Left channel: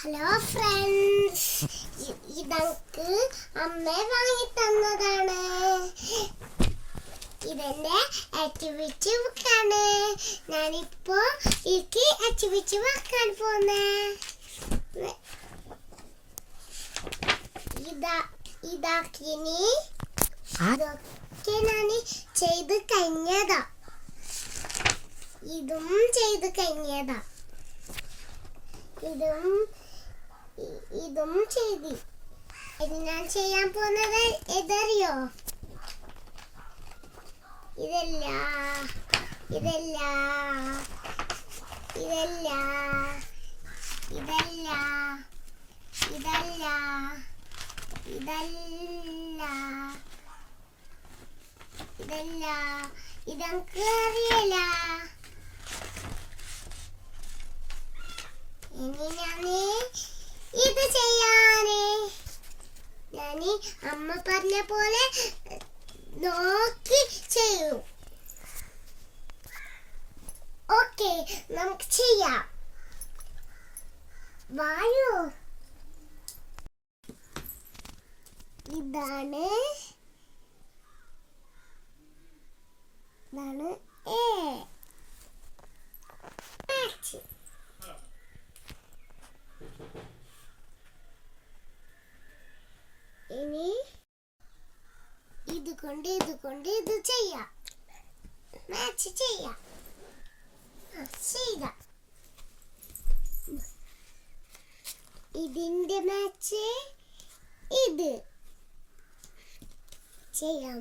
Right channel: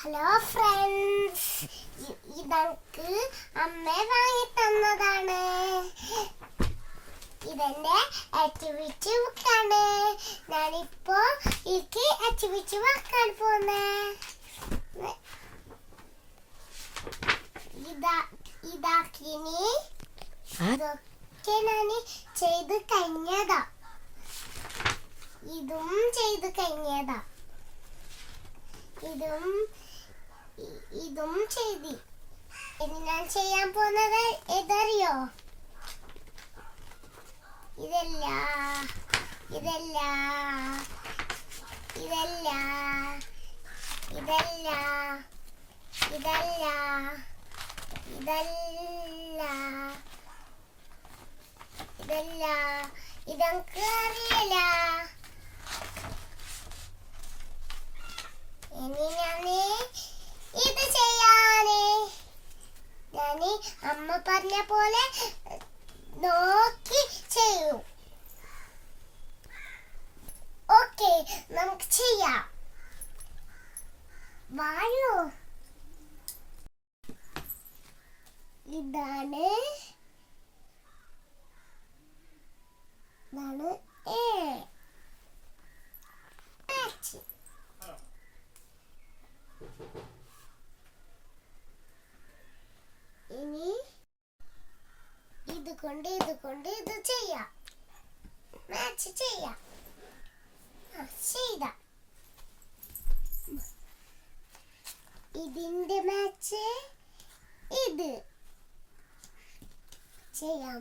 Hello friends, ഇതക്ക് അമ്മ വാങ്ങി തന്നതാണ്. ഇതെന്റെ ആക്ടിവിറ്റി ബുക്കാണ്. ഞാനിപ്പോ എനിക്ക് ആക്ടിവിറ്റി വെക്കാൻ പോന്നേ. ഇതാക്കിനി ഇതൊക്കെ ഞാൻ ചെയ്ത് കഴിഞ്ഞതാ. ഇതും ചെയ്ത് കഴിഞ്ഞതാ. ഇതും ചെയ്തി. ഞാൻ ചെയ്യാൻ പോകുന്നത് എതറിയോ? ഇതല്ല ഇതല്ല ഇതല്ല ഇതല്ല ഇതല്ല ഇതല്ല ഇതല്ല ഇതെനിക്ക് അറിയില്ല. ഇനി ഞാന് ഇത് ചെയ്യാന് ഞാന് അമ്മ പറഞ്ഞ പോലെ നോക്കി ചെയ്യൂ. ഓക്കെ, നമുക്ക് ചെയ്യാം. വായു ഇതാണ് എ. ഇനി ഇതുകൊണ്ട് ഇത് ചെയ്യാം. മാച്ച് ചെയ്യാം. ചെയ്ത ഇതിന്റെ മാച്ച് ഇത് ചെയ്യാം.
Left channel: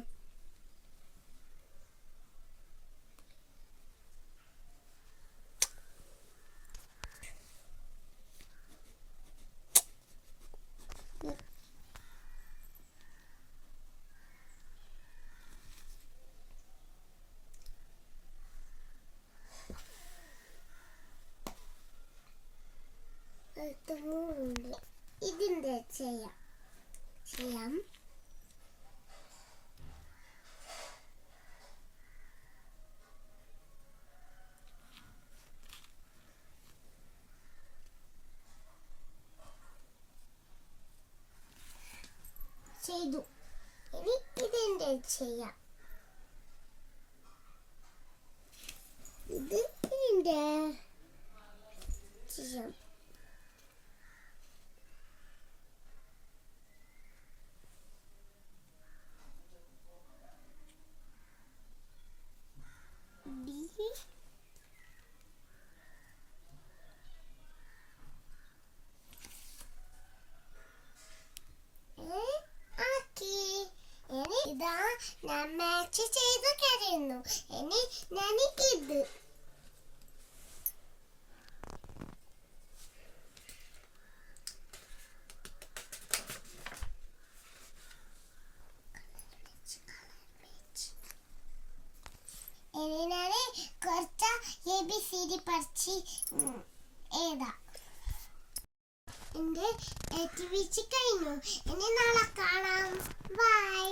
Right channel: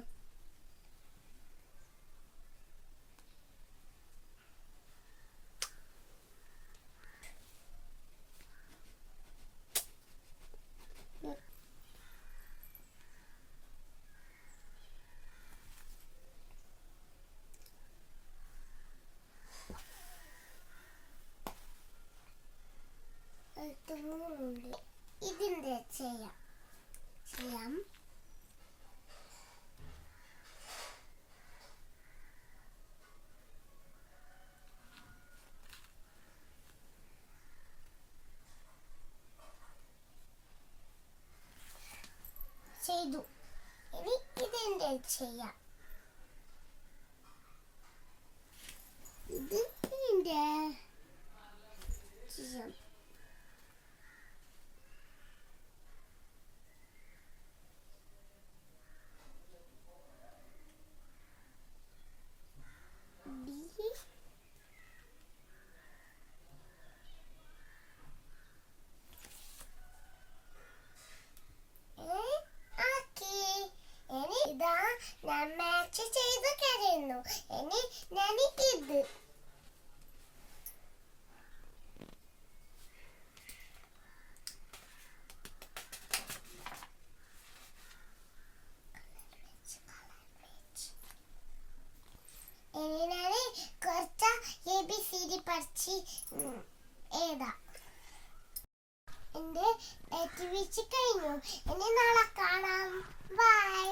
ഇതിന്റെ ചെയ്യാം. ചെയ്തു. ഇനി ഇതിന്റെ ചെയ്യാം. ഇതിന്റെ ചെയ്യാം. ഇതാ ഞാൻ മാച്ച് ചെയ്ത് കഴിയുന്നു. ഇനി ഞാൻ ഇത് കുറച്ച് ABCD പഠിച്ച് എഴുതാം. എന്റെ ആക്ടിവിറ്റി കഴിഞ്ഞു. ഇനി നാളെ കാണാം. ബൈ.